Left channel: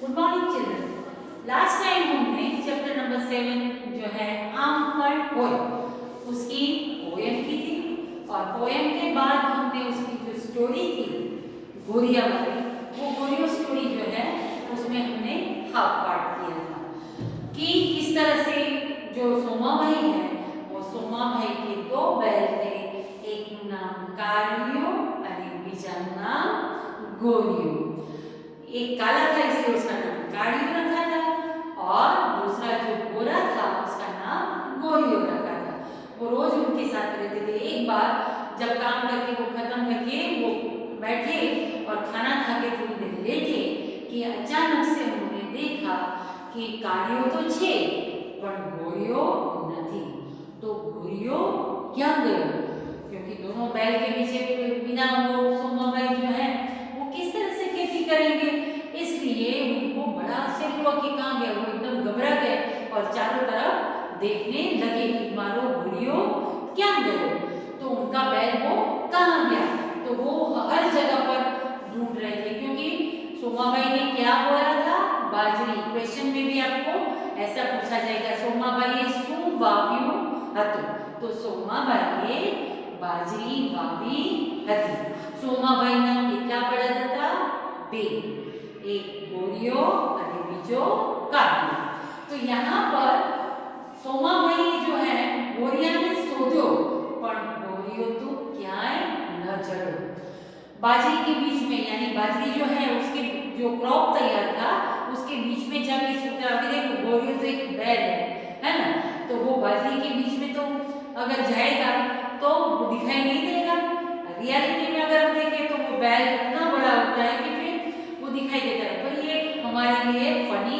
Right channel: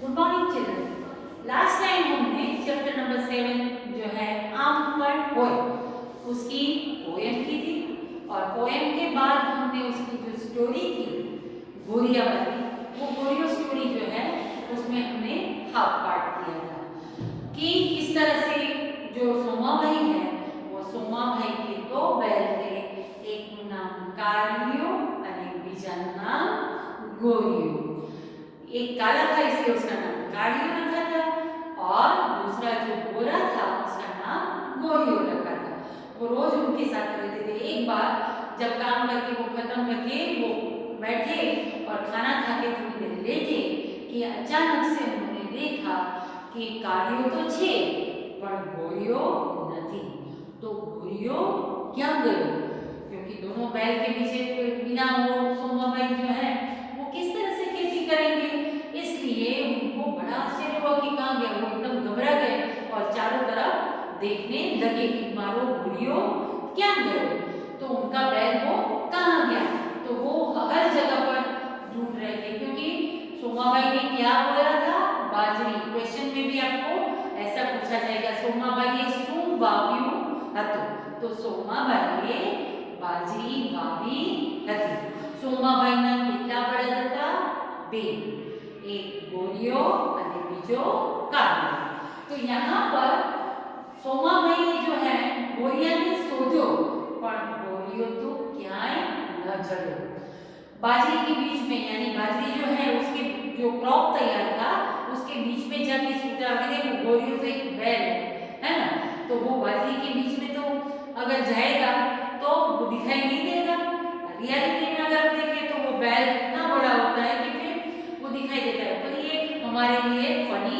Good morning children. Last time हमने chapter number 7 जो है आम पर पोएम उसकी पोएम की थी और पोएम के बाद हमने उसकी जो स्टोरी थी गोरिया वाली, वो गोरियो स्टोरी जो है उसमें हमने हाफ पार्ट किया था कि किस तरह से जो सोमा भाई है वो सोमा भाई के दो बैल थे, एक नाम कारियो और बीजाનું नाम गोरियो। एक काला था इसलिए उसका नाम कारियो रखा था और दूसरा जो गोरा था उसका नाम गोरियो रखा था। वो रोज उनके साथ रहते थे। एक बार जब काम करके वो खत्म करके वो बैठे और खाना खा के थोड़ी देर लेटे कि अचानक से उन्होंने देखा कि कारियो तो छे पर गोरियो नहीं। तो गोरियो क्या गयो, क्योंकि दोनों बैल के पीछे बिना वो सोमा भाई जो है वो किस तरह से खेती करेंगे, इसलिए उनको बड़ा आश्चर्य हुआ कि कहाँ गया। वो एकदम घबरा गए और चारों तरफ देखने लगे कि मारो गोरियो क्या गए, तो उनका बैल वो कहाँ गया। तो वो हर जगह पर ढूंढ रहे थे क्योंकि सोमा भाई ने क्या बोला था, बाजरी। क्वेश्चन में भी आपको ऐसा पूछा जाएगा, सोमा भाई शू वाव्यू हतु, तो सोमा भाई बाजरी वावी हती। सोमा भाई ना कितना बड़ा था, बे, एक गोरियो और बीजो कारियो। तो यहाँ पर सोमा भाई जो है गोरिया ने शोध्यो पर गोरियो तो क्यांय न जड़ो। बाजरी के बीच में, यानी बाजरी जो है उसके जो क्रॉप तैयार था उसके बीच में जाके सूता। अभी देखो गोरियो तो एक बैल है ना, तो वो बाजरी के बीच में तो अगर जाएगा तो वो दिखाई नहीं देगा। रियलिटी में अगर हम देखें तो वो बैल इतना बड़ा होता है कि फिर वो दिखाई देता है। पर ये हमारे लिए फनी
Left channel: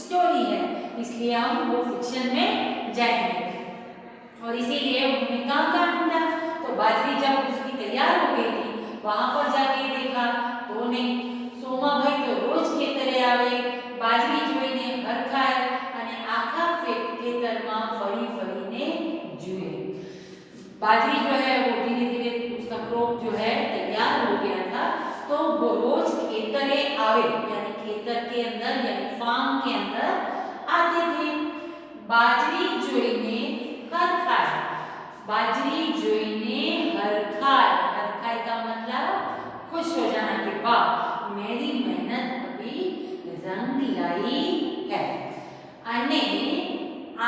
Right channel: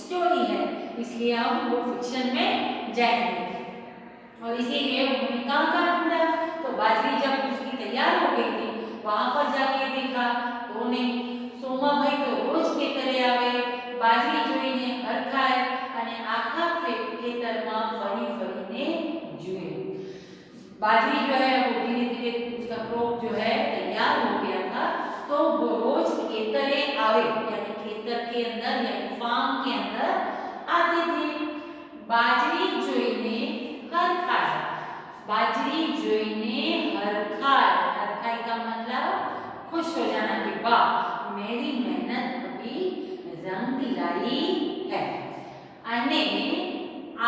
स्टोरी है, इसलिए हम वो फिक्शन में जाएंगे। और इसीलिए उन्होंने कहाँ ढूंढा, तो बाजरी जब उसकी तैयार हो गई थी वहां पर जाके देखा तो उन्हें सोमा भाई तो रोज खेतरे आवे, बाजरी जोईने हरखाय અને આખા ખેતરમાં ફરી ફરીને જુએ। बाजरी जो है वो धीरे धीरे उसका क्रॉप जो है तैयार हो गया था, तो वो रोज खेतरे आवे, यानी खेतर के अंदर यानी फार्म के अंदर आते थे। बाजरी जोईने हरखाय, बाजरी जोईने हरखाय, हरखाय का मतलब खुश हो जाना कि वाह मेरी मेहनत अभी रंग लाई है। अने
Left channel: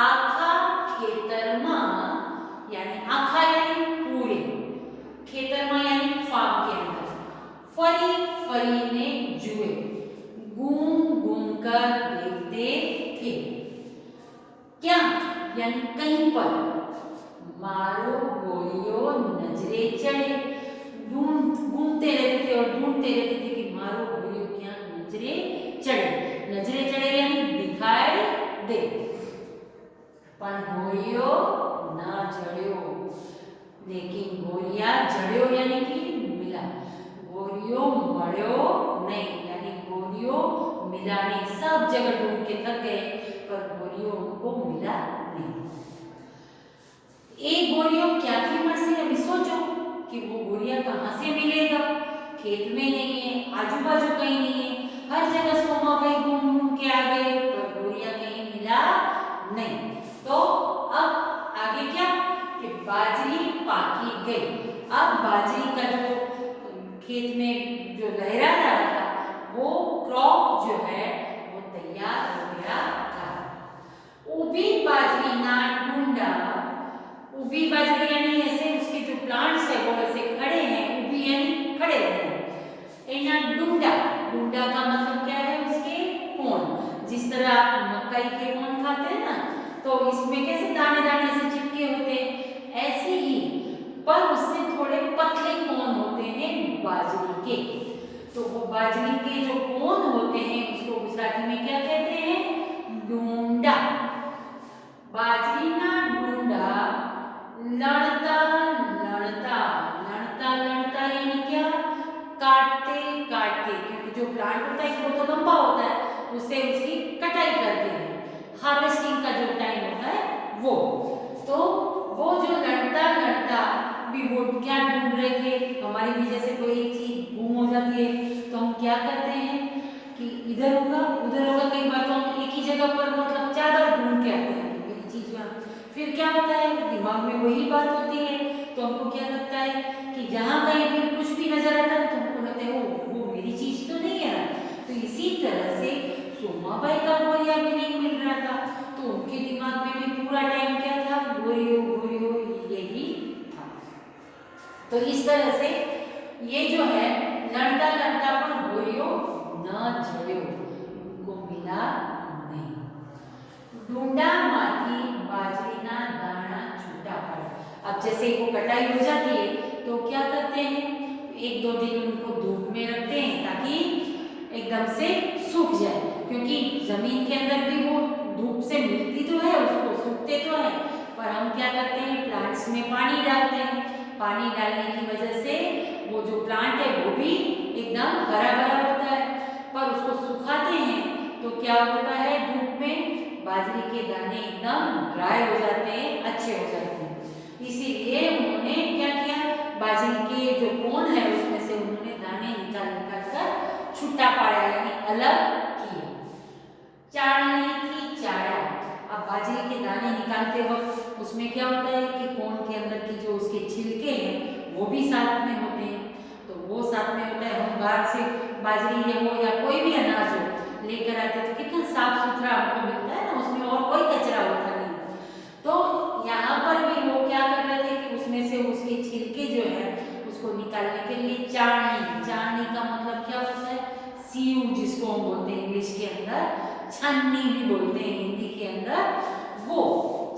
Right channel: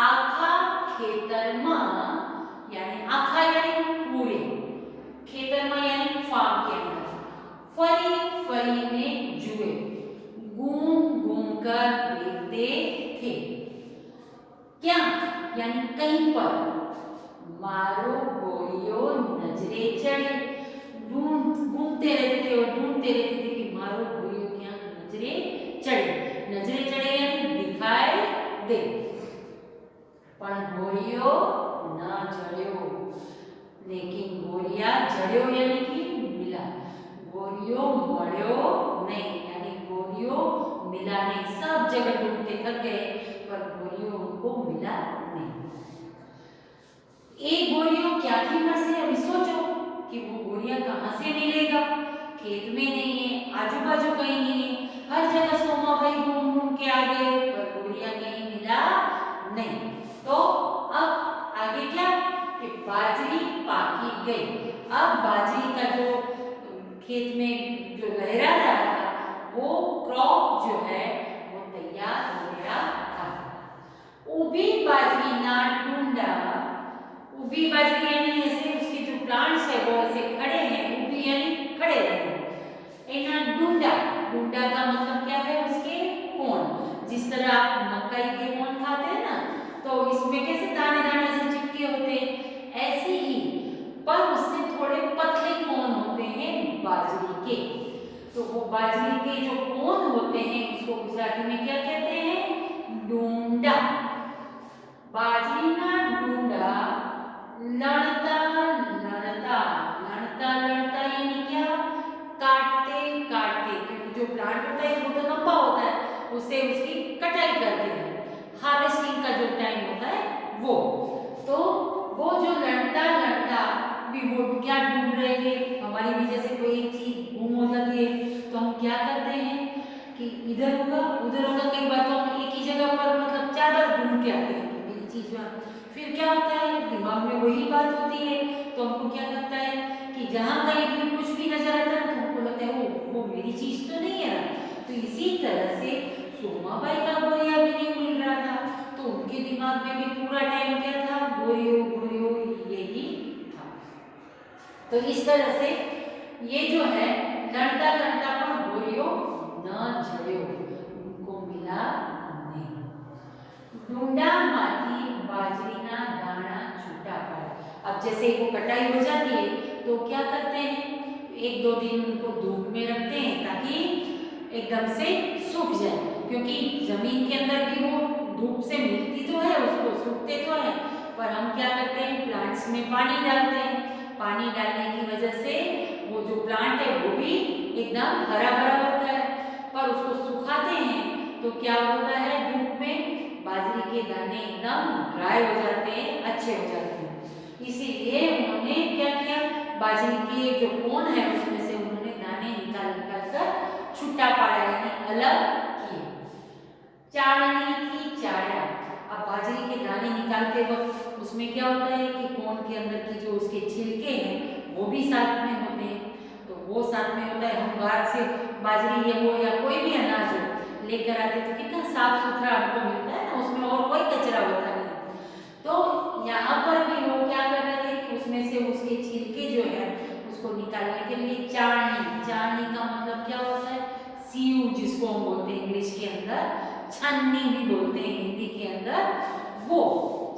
आखा खेतरमा, यानी आखा यानी पूरे, खेतरमा यानी फार्म के अंदर फरी फरीने जुए, घूम घूम कर देखते थे। क्या, यानी कहीं पर मारो गोरियो नजरे चढ़े, घूमते रहते थे और ढूंढते रहते थे कि मारो गोरियो क्या नजरे चढ़े। नजरे चढ़े यानी दिखाई दे, पर गोरियो ना जड़्यो, लेकिन गोरिया जड़्यो यानी कि मिला, गोरियो मळ्यो नहीं, यानी गोरियो मिला नहीं। सब जगह ढूंढ के थक गए पर गोरियो उनको मिला नहीं। एक गोरियो क्या थी मरसे, अभी सोचो कि वो गोरिया कहाँ से मिलेगा। खेत में नहीं है, आजू बाजू कहीं नहीं है, हर जगह सोमा भाई घूम घूम के आ गए पर गोरिया कहीं मिला नहीं। तो अब आगे क्या कि बाजरी पाकी गई। अब बाजरी का जो खेत में जो लहरा रहा था वो क्रॉप जो है वो तैयार हो गया था। ऊभी बाजरी ना ढूंढा, ऊभी बाजरी यानी ऐसे उसके जो प्लांट्स है वो ऐसे खड़े हैं, ऊभी यानी खड़े हैं। एना ढूंढा, ढूंढा का मतलब क्या है, उसके कोन। जिस तरह आप मकई के कोन खाते हैं ना, तो इसमें कैसे दाने दाने से चिपके होते हैं, ऐसे ही पर उससे थोड़े पतले कोन होते हैं बाजरी के। तो वो बाजरी के जो कोन होते हैं उसको गुजराती में क्या कहते हैं, ढूंढा। बाजरी ना ढूंढा लड़ता लड़ता, लड़ता लड़ता यानी क्या, काटते काटते, क्योंकि जो प्लांट होता है वो तो लंबा होता है, उससे उसकी कटाई करते हैं, हार्वेस्टिंग का जो टाइम होता है वो। तो वो जो लड़ता लड़ता भी वो क्या ढूंढ रहे थे, हमारी भी जैसे कोई एक चीज गुम हो जाती है तो हम क्या करते हैं, कि इधर होगा उधर होगा, कई बार तो हम एक ही जगह पर मतलब ज़्यादा ढूंढ के आते हैं कि मेरी चीज़ वहाँ, फिर क्या होता है दिमाग में वही बात होती है, तो हमको क्या लगता है कि जहाँ कहीं भी कुछ भी नजर आता है तो हमको लगता है वो मेरी चीज़ तो नहीं है ना। तो इसी तरह से सोमाबाई का बोरिया भी नहीं मिल रहा था, तो उनके दिमाग में भी पूरा टाइम क्या था, बोरियो यही था। तो इस तरह से ये जो है लड़ता लड़ता पण बोरियो न जड़्यो, उनको मिला नहीं। ढूंढा माथी बाजरीना दाना छूटा पड़ा। अब जैसे वो कटाई हो जाती है तो क्या करते हैं, एक दो दिन उनको धूप में रखते हैं ताकि एकदम से सूख जाए, क्योंकि जमीन के अंदर भी वो धूप से मिलती तो है, उसको सूखते तो है, पर हम क्या करते हैं प्लांट्स में पानी डालते हैं, पानी डालने की वजह से वो जो प्लांट है वो भी एकदम हरा भरा होता है, पर उसको सुखाते हैं तो क्या होता है धूप में बाजरे के दाने एकदम ड्राई हो जाते हैं, अच्छे हो जाते हैं। इसीलिए उन्होंने क्या किया, बाजरे के जो कोन है उसमें से उन्होंने दाने निकाल कर छुट्टा पाया यानी अलग किए। चाळणी की चाड़ा। अब बाजरे के दाने निकालते वक्त उसमें क्या होता है कि कोन के अंदर की जो उसके छिलके हैं वो भी साथ में होते हैं, तो वो साथ में होता है। हम बाहर से बाजरी या हो या कोई भी अनाज हो लेकर आते तो कितना साफ सुथरा हमको मिलता है ना, उसमें और कोई कचरा होता नहीं। तो यहाँ पर भी वो क्या कर रहे थे कि उसमें से उसके छिलके जो है उसको निकालने के लिए चाळनी, चाळनी का मतलब क्या होता है, सीव जिसको हम बोलते हैं इंग्लिश के अंदर, छाननी भी बोलते हैं हिंदी के अंदर, वो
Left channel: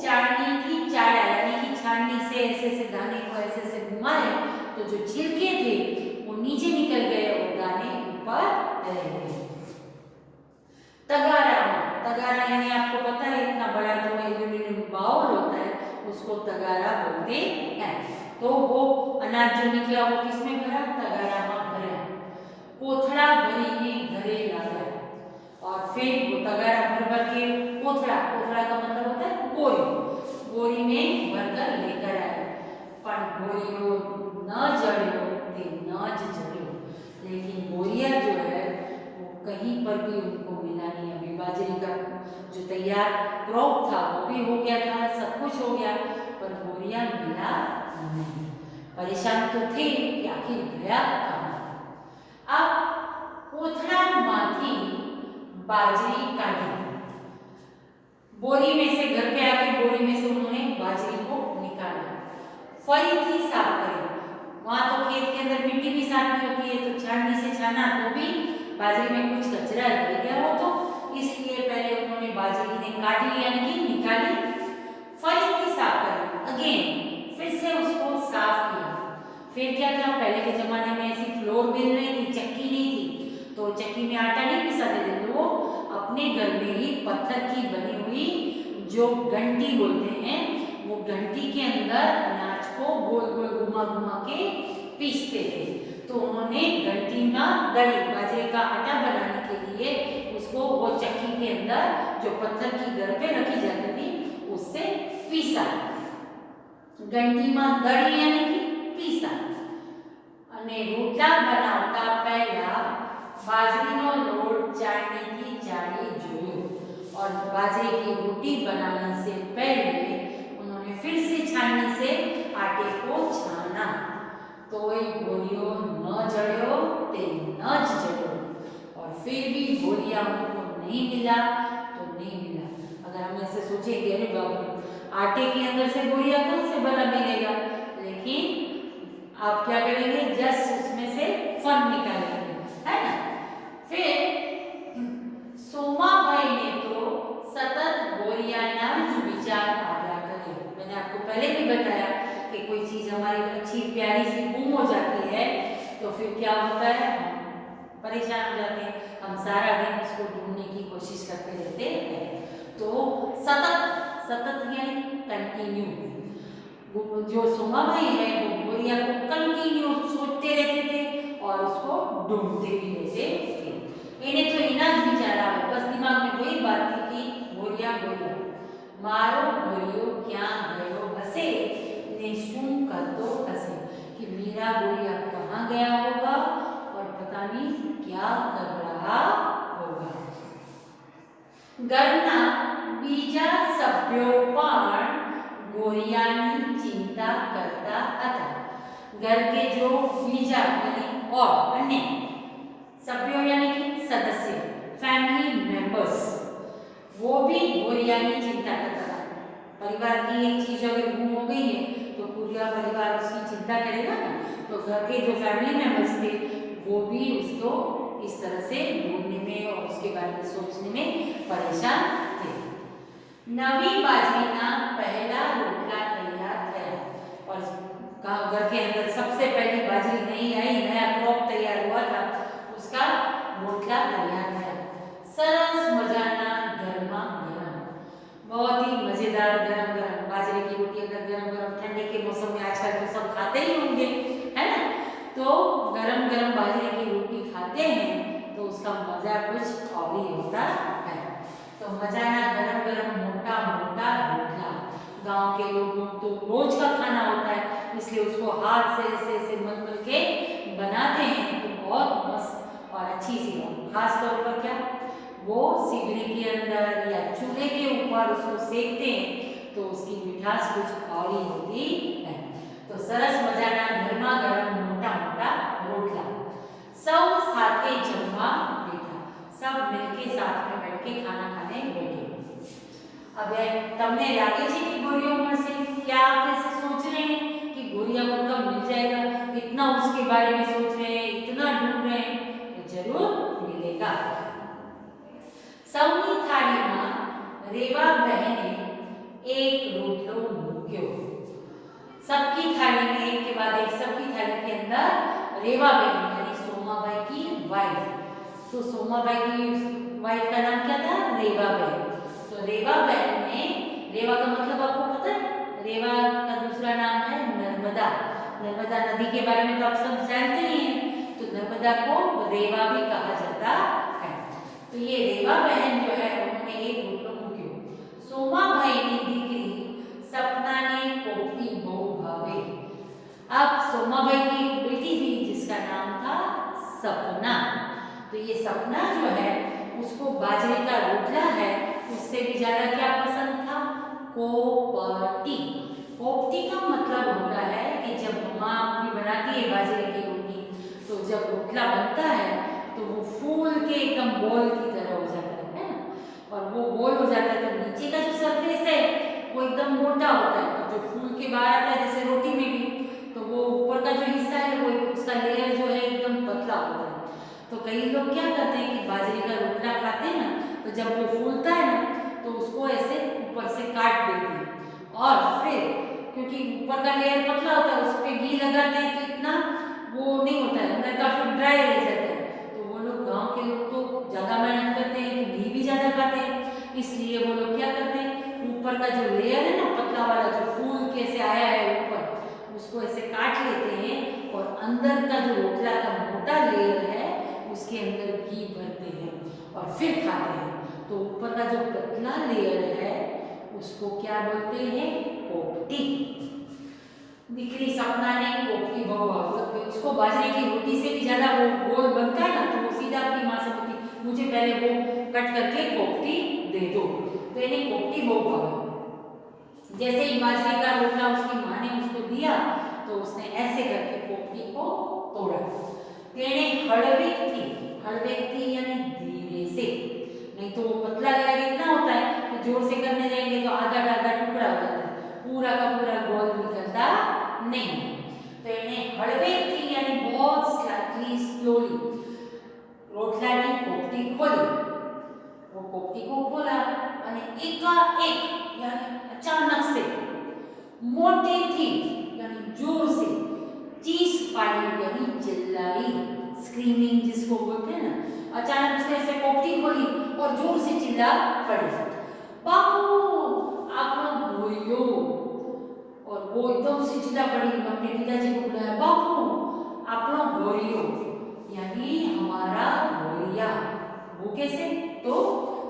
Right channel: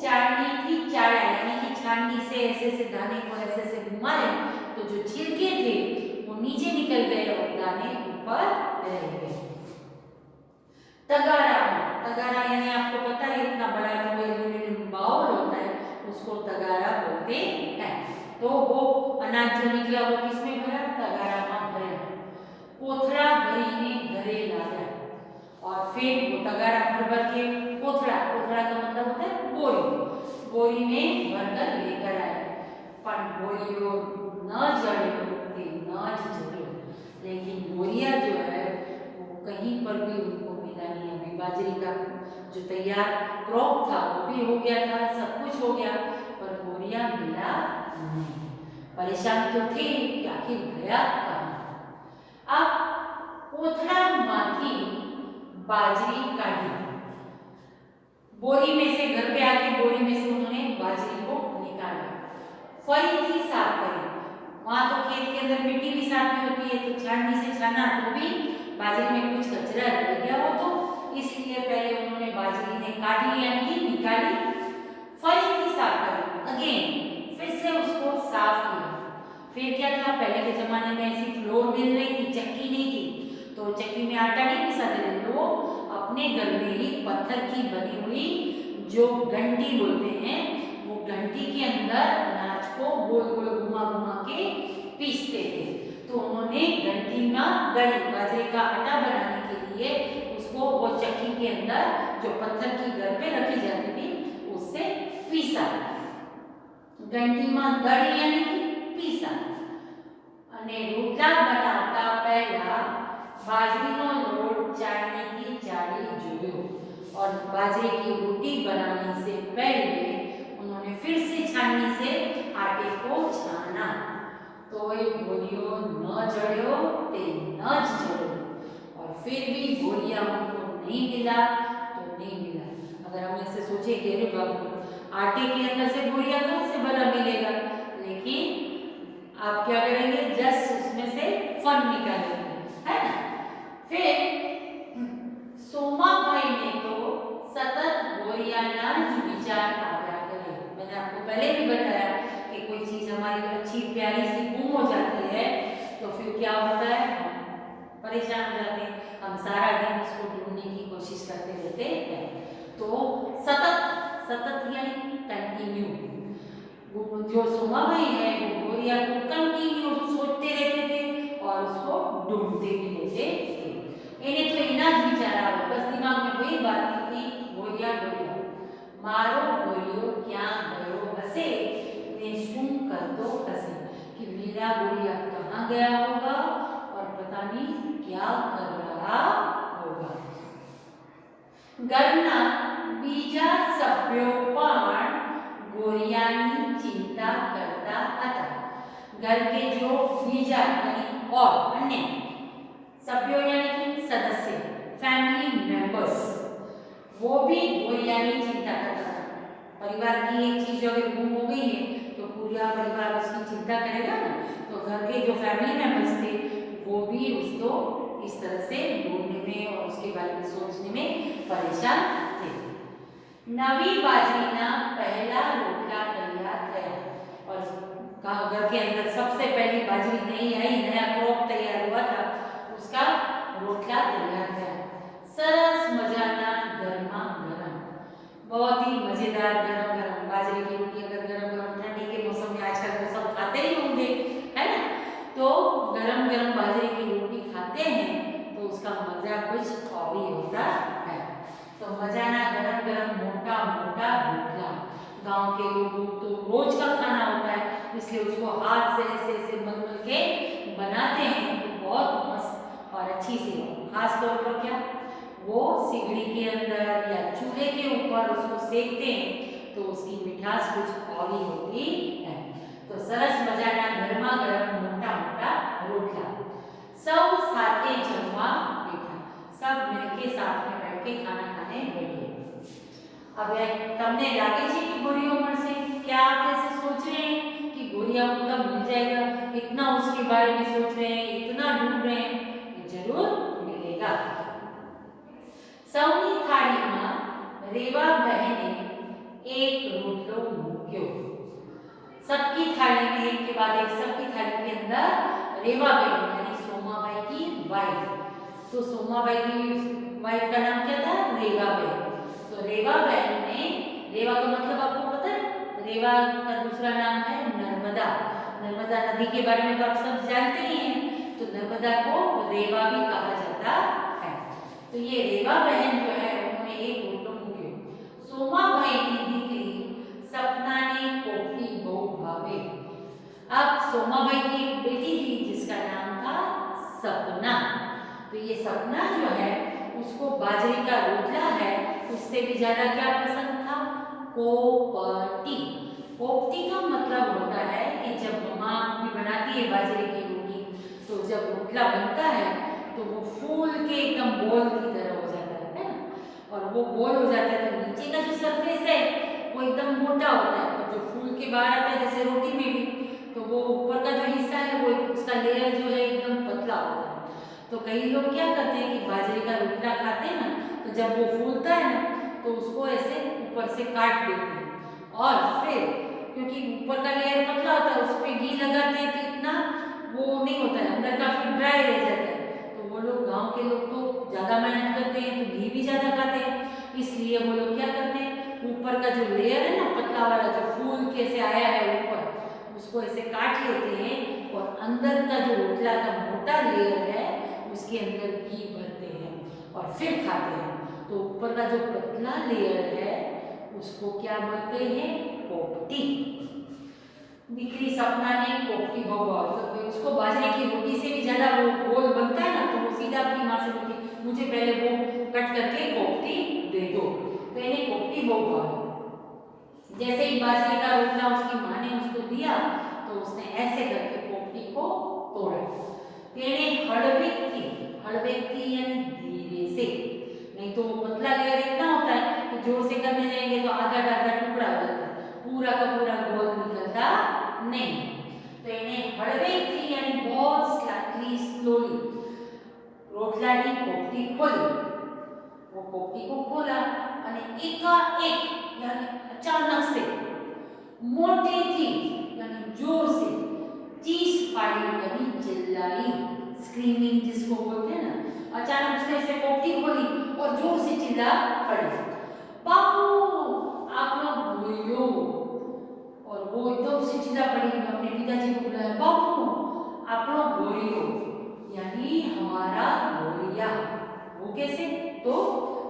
चाळनी की चाड़ा यानी कि छाननी से ऐसे ऐसे दाने को ऐसे ऐसे घुमाए तो जो छिलके थे वो नीचे निकल गए और दाने ऊपर रह गए। तगारा, तगारा यानी आपको पता है इतना बड़ा जो एल्यूमिनियम बाउल होता है उसको तगारा बोलते हैं। तो वो अनाज जो निकला वो किसमें भरा, तगारा में भरा। कोथड़ा भरी में घरे लाया, और फिर वो तगारा भर भर के कोथड़ा, कोथड़ा का मतलब होता है बोरी, बोरी में भरकर लेकर आए। पर बोरियो न जड़ियो ते न जड़ियो, लेकिन बोरिया जो है वो कहीं पर भी उनको मिला नहीं। अभी बाजरे का जो तैयार क्रॉप था वो भी हो गया था, सब कुछ हो गया, पर बोरिया मिला नहीं। परेशान तो थे कि आखिर गया कहाँ। अब कोथड़ा माथी बाजरी काटी, बोरी में से घर पे आके बोरी में से उन्होंने बाजरी को निकाला, फरीथी साफ करी। वहां तो खेत के अंदर मिट्टी भी साफ में होती है, तो छाननी से छाना तो भी बाजरी में कुछ कचरा रह गया हो, तो इसलिए पहले उन्होंने बाजरी ने काटी यानी कि निकाली, फरीथी साफ करी, अगेन फिर से उसको साफ किया। फिर क्या था, पहले के जमाने में ऐसी फ्लोर मिल रही थी, चक्की नहीं थी, तो चक्की में आटा नहीं पिसाते थे, लोग अपने घर में ही पत्थर की बनी हुई जो घंटी बोलते हैं वो घंटी के अंदर अनाज को गोल गोल घुमा घुमा के पीसते थे। तो उन्होंने घंटी में दड़ी, बाजरे का आटा बनाने के लिए उसको वो चक्की के अंदर जो पत्थर की घर पे रखी जाती थी उससे पीसा, घंटी में दड़ी यानी कि पीसा। અને રોટલા બનાવતા પહેલા बाजरीનો लोट चाळनीથી चाळी जोयो, और बाजरे की रोटी बनाने से पहले उन्होंने फिर से छाननी से आटे को छाना, तो ये बोरियो न जड़्यो ते न जड़्यो, और फिर भी बोरिया उनको नहीं मिला तो नहीं मिला। अगर हम ऐसे सोचे कि अरे बाप रे आटे के अंदर से बोरिया कहाँ से भला मिलेगा, लेकिन आप क्या करेंगे, जस्ट उसमें से फन निकालेंगे, है ना। फिर सोमाबाई ने तो सतत बोरियाना विचार आया करे। मैंने आपको पहले भी बताया कि कोई चीज हमारी अच्छी प्यारी सी गुम हो जाती है तो फिर क्या होता है, हम परेशान हो जाते हैं, हम सारा दिन उसको ढूंढने की कोशिश करते रहते हैं। तो सतत, सतत यानी कंटिन्यू, जो सोमाबाई है वो बोरिया को कंटिन्यू सोचते रहते थे और उसको ढूंढते भी रहते थे। इन्हें तो इना ज विचार आवे, बस दिमाग में वही बात थी कि बोरिया बोरिया मारो बोरियो क्या गयो हसे ने शुं करतो हसे, कि मेरा बोरिया कहाँ गया होगा और पता नहीं क्या कर रहा ઘરના બીજા સભ્યો પણ ગોરિયાની चिंता करता હતા। घर के जो बीजा यानी और अन्य सभ्यों यानी कि सदस्य फैमिली मेंबर्स वो भी गोरिया की चिंता करता था। परिवार की एक चीज अगर गुम हो गई है तो पूरा परिवार उसकी चिंता करेगा ना। तो घर के जो फैमिली मेंबर्स थे वो भी उसको इस तरह से ढूंढने में और उसके बारे में सोचने में परेशान थे। नवी बाजरीना पहला रोटला तैयार थया और घर के अंदर सबसे पहली बाजरी नई आई, नया क्रॉप तैयार हुआ था, उसका रोटला तैयार थया। सरस मजाना गरमा गरम, बहुत ही मजेदार गरम गरम बाजरे की रोटी। अगर गरम गरम ठंडी के मौसम में आजकल तो सब खाते ही होंगे, है ना। तो गरम गरम बाजरे की रोटी खाते हैं तो उसका मजा कुछ और ही होता है। तो मजाना गरम गरम मोटा मोटा रोटला, गांव के लोगों तो रोज का खाना होता है, इसलिए उसको हाथ से ऐसे ऐसे मल मल के बनाते हैं तो बहुत मस्त और अच्छी सी हो। खास तौर पर क्या वो सिगड़ी के अंदर या चूल्हे के ऊपर उसको सेकते हैं तो उसकी मिठास कुछ और ही होती है। तो सरस मजाना गरमा गरम मोटा मोटा रोटला। सब साथे जमवा बैठा, सब मिलके साथ में बैठ के खाना खाने बैठे। अब तमने लागे छे कि गोरियो मळशे? क्या आप ऐसे सोच रहे हैं कि गोरिया कब मिल जाएगा? इतना उसके बारे में सोच रहे हैं, इतना ढूंढ रहे हैं, तो जरूर मिलेगा। सौनी थाली में रेवा बहने एक रोटलो मूक्यो। सबकी थाली में एक के बाद एक, सबकी थाली के अंदर रेवा बहन यानी सोमाबाई की वाइफ। तो सोमाबाई की वाइफ का नाम क्या था? रेवा बहन। तो रेवा बहन ने, रेवा का मतलब आपको पता है? रेवा का दूसरा नाम है नर्मदा। नर्मदा नदी के बारे में तो आप सब जानते ही हैं। तो नर्मदा को रेवा भी कहा जाता है। तो ये रेवा बहन जो है उन्होंने एक रोटलो मूक्यो। सोमाबाई की दीकरी सपना ने पोपटी बहु भावे। अब सोमाबाई की एक बेटी थी जिसका नाम था सपना। तो ये सपना जो है उसको बाजरे का रोटला है उससे भी ज्यादा क्या पसंद था? कोपटी। कोपटी का मतलब होता है कि जब माँ भी बनाती है बाजरे की रोटी तो जब रोटला बनता है तो वो फूल के एकदम बॉल की तरह हो जाता है ना। और वो बॉल हो जाता है तो नीचे का जो सरफेस है वो एकदम मोटा होता है, तो जो फूल के बाहर आता है जैसे रोटी में भी, तो वो ऊपर का जो हिस्सा है वो उसका लेयर जो है एकदम पतला होता है। तो कई लोग क्या करते हैं कि बाजरे का रोटला खाते हैं ना, तो जब वो फूलता है ना तो उसको ऐसे ऊपर से काट देते हैं और फिर क्योंकि ऊपर का लेयर पतला होता है उस पर घी लगाते हैं तो इतना वो नहीं होता है, अंदर का फिर ड्राई रह जाता है। तो वो लोग, गांव के लोग तो ज़्यादा मेहनत करते हैं तो घी भी ज़्यादा खाते हैं, इसलिए वो लोग क्या करते हैं ऊपर का जो लेयर है ना पतला वाला जो फूल कैसे आया है ऊपर, उसको ऐसे काट लेते हैं और अंदर का जो रोटला का मोटा लेयर है उसके अंदर घी भरते हैं और फिर खाते हैं। तो ऊपर का जो पतला लेयर है उसको क्या बोलते हैं? कोपटी। दीकरी सपना ने कोपटी बहु भावे, उसको बाजरे की रोटी से भी ज्यादा वो गोल बनता है ना तो वो सीधा अपनी माँ से बोलती मुझे पहले वो कट करके कोपटी दे दो। तो इन्हें कोपटी बहु भावे। जैसे ही बाजरे का रोटला उसकी माँ ने उसको दिया तो उसने ऐसे करके कोपटी को तोड़ा। तेने हड़वेक थी यानी धीरे से, नहीं तो वो पतला लेयर इतना होता है कि जोर से करने जाएंगे तो आधा आधा टुकड़ा हो जाता है, पूरा का पूरा गोल निकलता नहीं। तो इन्हें हड़वेक थी यानी बहुत स्लाइटली स्लोली रोटला की कोपटी खोली। वो कोपटी को खोला और एकाएक यानी अचानक से मोटे थी यानी जोर से चीस पाड़ी यानी चिल्लाई, स्क्रीमिंग जिसको बोलते हैं ना। अचानक उसने ऐसे कोपटी खोली और जोर से चिल्ला पड़ी, बापू आपनो गोरियो। और वो एकदम से चिल्ला पड़ी, अपने पिताजी को बुलाया, बापू आपनो गोरियो यानी हमारा गोरिया। वो कैसे? तो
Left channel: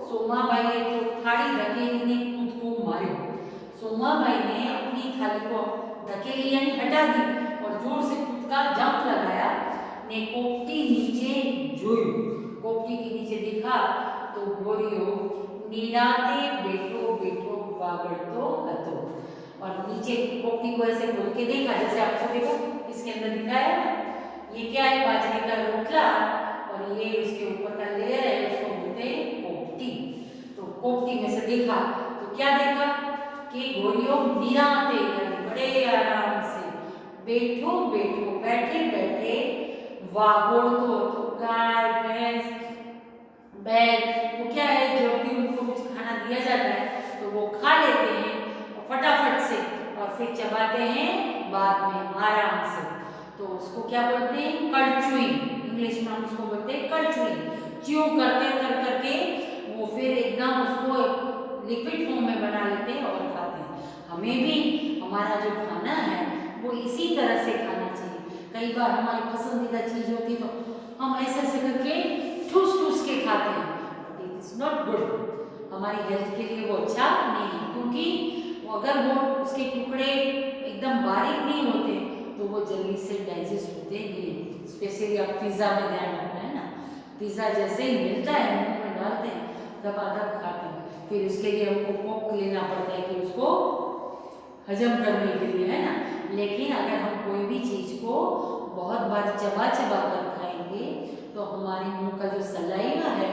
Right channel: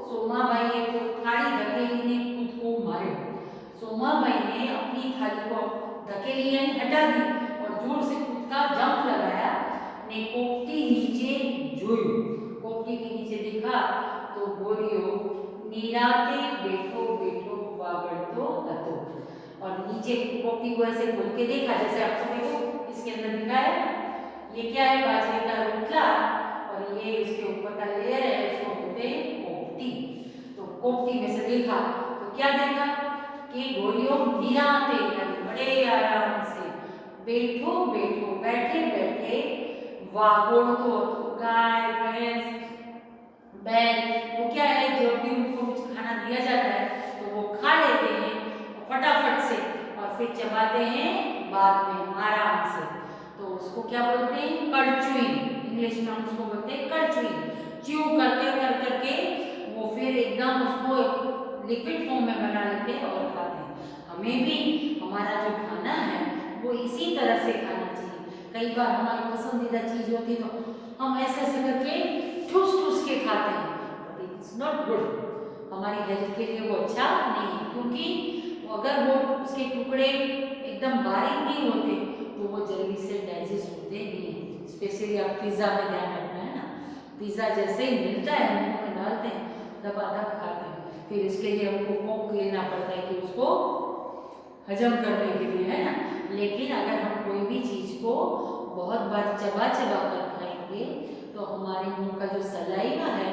सोमाबाई को थाली धकेली ने खुद को मार्यो। सोमाबाई ने अपनी थाली को धकेली यानी हटा दी और जोर से खुद का जंप लगाया ने कोपटी नीचे जोयु। कोपटी के नीचे देखा तो गोरियो निराते बेठो बेठो वागड़तो हतो। और नीचे पोपटी को ऐसे खोल के देखा, जैसे आपको देखो इसके अंदर दिखाया है, ये क्या है, बाजरे का रोटला, और ये उसके ऊपर का लेयर है, उसको बोलते हैं पोपटी। तो पोपटी में से देखा तो क्या देखा कि गोरियों निराते यानी बड़े आराम से, बैठो बैठो बैठे बैठे, वागोड़तो गाय भैंस बैल, वो क्या है, जब भी उनको कुछ खाना दिया जाता है तो वो खा लेते हैं फटाफट से, और फिर चबाते हैं बाद में आराम से। तो उसको क्या बोलते हैं, कड़चुई, इंग्लिश में हम उसको बोलते हैं कड़चुई। च्यू करके कर करके वो फिर एकदम उसको लिक्विड फॉर्म में बना लेते हैं और खाते हैं। हमें भी हमारा जो खाना है वो इसी तरह से खाना चाहिए। कई बार हमारी पसंदीदा चीज होती तो हम ऐसे ऐसे करके ठूस ठूस के खाते हैं, but it is not good, हमारी हेल्थ के लिए वो अच्छा नहीं है, क्योंकि अगर वो उसके टुकड़े एकदम बारीक नहीं होते तो वो जल्दी से डाइजेस्ट होते नहीं हैं। स्पेशली आप पिज़्ज़ा में ध्यान रखना है ना, पिज़्ज़ा जैसे ही मिलता है मुंह में डालते हैं दबादब खाते हैं, फिर उसके लिए हमको पोक लेना पड़ता है कि उसको हजम करने के लिए, है ना। लेकिन अगर हम कोई भी चीज़ को बहुत बार चबा चबा कर खाएंगे तो हमारे मुंह का जो सलाइवा है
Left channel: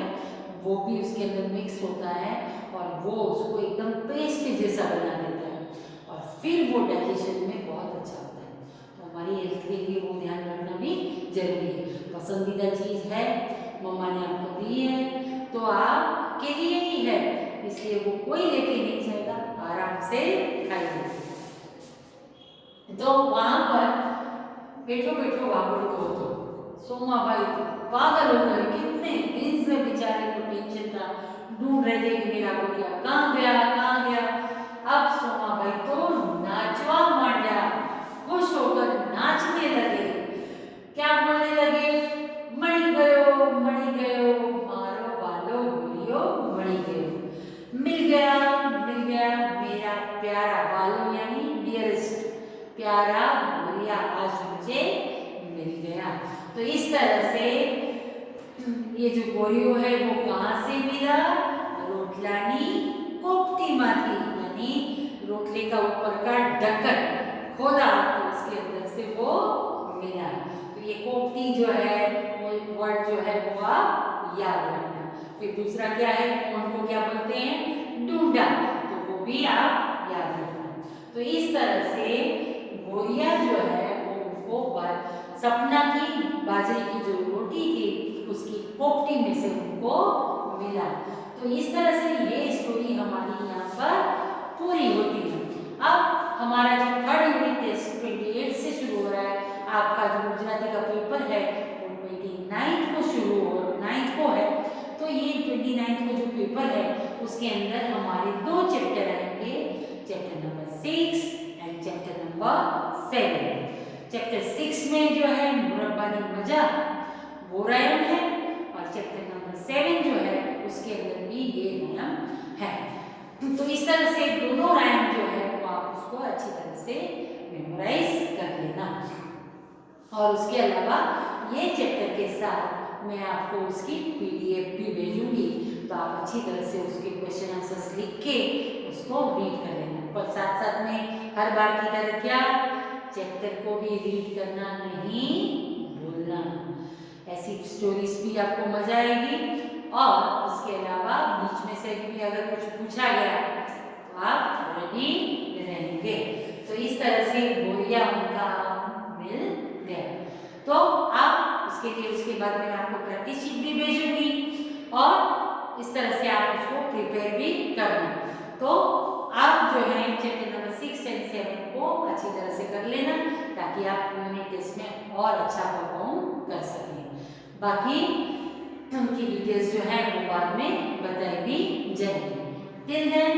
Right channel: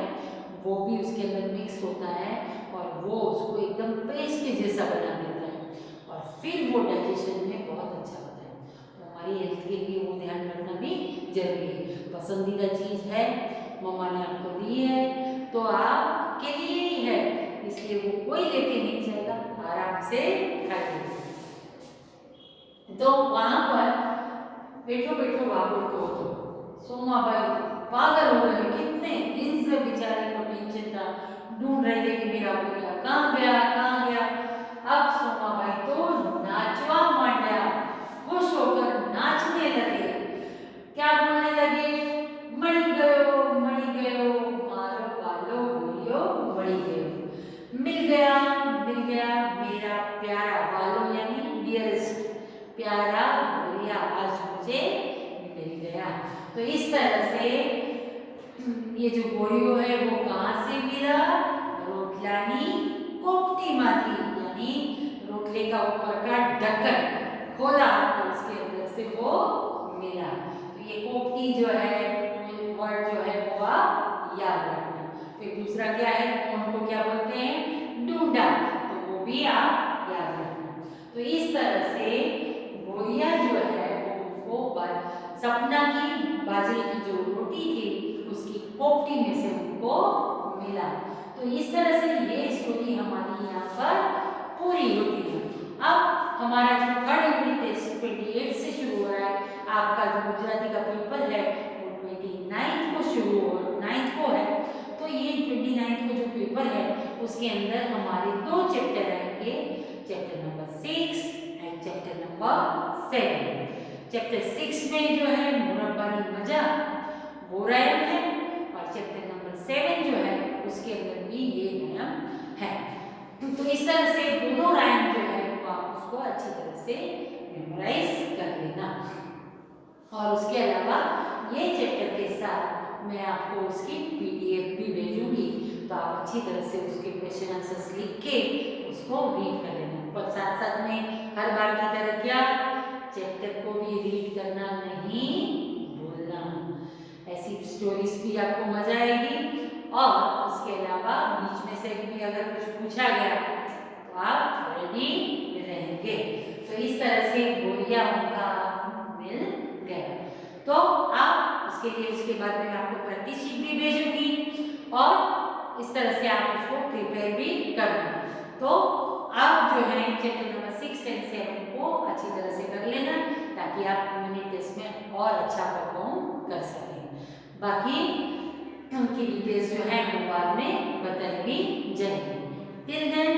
वो भी उसके अंदर मिक्स होता है और वो उसको एकदम पेस्ट जैसा बना देता है, और फिर वो डाइजेशन में बहुत अच्छा होता है। तो हमारी हेल्थ के लिए वो ध्यान रखना भी जरूरी है। पसंदीदा चीज़ है, मम्मा ने आपको दी है तो आपके लिए ही है, इसलिए वो कोई लेके नहीं जाएगा, आराम से खाइए। तो वहां पर बैठो बैठो वागड़तो हतो। सोमाबाई पागल हो गए, कितने दिन से बेचारे को टेंशन था, ढूंढ रहे थे कि मेरा गोरिया कहाँ गया कहाँ गया। अब सोमाबाई तो नाचवा मांडा, खुश होकर नाचने लगे, क्या बोलने लगे, मणि गयो मारो वालो गोरियो मणि गयो, मिल गया मेरा प्यारा, वालो यानी डियरेस्ट, प्यारा गोरिया आज मुझे मिल गया। तो इस तरह से ये जो गोरियो है वो कहाँ से मिला, रोटलानी कोपटी माथी, यानी रोटले का ऊपर का ढक्कन खोला तो उसके अंदर से वो मिला। तो ये कोपटी जो है वो वर्ड जो है वो आप याद रखना। फिर दूसरा क्या है, कौन को क्या बोलते हैं, ढूंढा, तो वो भी आप याद रखना। तो इस तरह से गोरिया जो है वो सपना की बाजरे की जो रोटी थी उसकी कोपटी में से उनको मिला। तो इस तरह से ये स्टोरी हमारी यहाँ पर पूरी होती है। अब हमारा जो थर्ड यूनिट टेस्ट 28 से शुरू हो रहा है, आपका जो गुजराती का पेपर है वो 29 को शुरू हो 9 को है। तो ये 29 को जो पेपर है उसके अंदर हमारे 2 चैप्टर आएंगे, chapter number 6 and chapter number 7। Chapter 6 में जो है मुरब्बानी मजा वो रायम है, और चैप्टर नंबर 7 जो है उसके अंदर भी ये रायम है। तो इस तरह से दोनों रायम जो है वो आप उसको अच्छी तरह से मेमोराइज कर लेना। और उसके अलावा ये चैप्टर के साथ मैं आपको उसकी PDF भी भेजूंगी, तो आप अच्छी तरह से उसके क्वेश्चन आंसर्स लिख के उसको रीड कर लेना। पर साथ साथ में हर बार की तरह क्या, चैप्टर को भी रीड करना नहीं भूलना। ऐसी स्टोरीज भी आपको मजा आएगी, और उसके अलावा बीच में से भी अगर कुछ पूछा गया तो आप रेडी रहेंगे। तो इस तरह से गोरिया उनका मिल गया। तो आप उसके लिए उसके बाद में आपको प्रैक्टिस शीट भी भेजूंगी, और इस तरह से आप उसको प्रिपेयर भी करना। तो आप जो है चैप्टर नंबर 6 एंड 7 को अच्छी तरह से कर लेना, ताकि आप यूनिट टेस्ट में और अच्छा परफॉर्म कर सकें। बाकी उनकी डिटेल्स जो है वो बाद में बताई भी जाएगी। Till then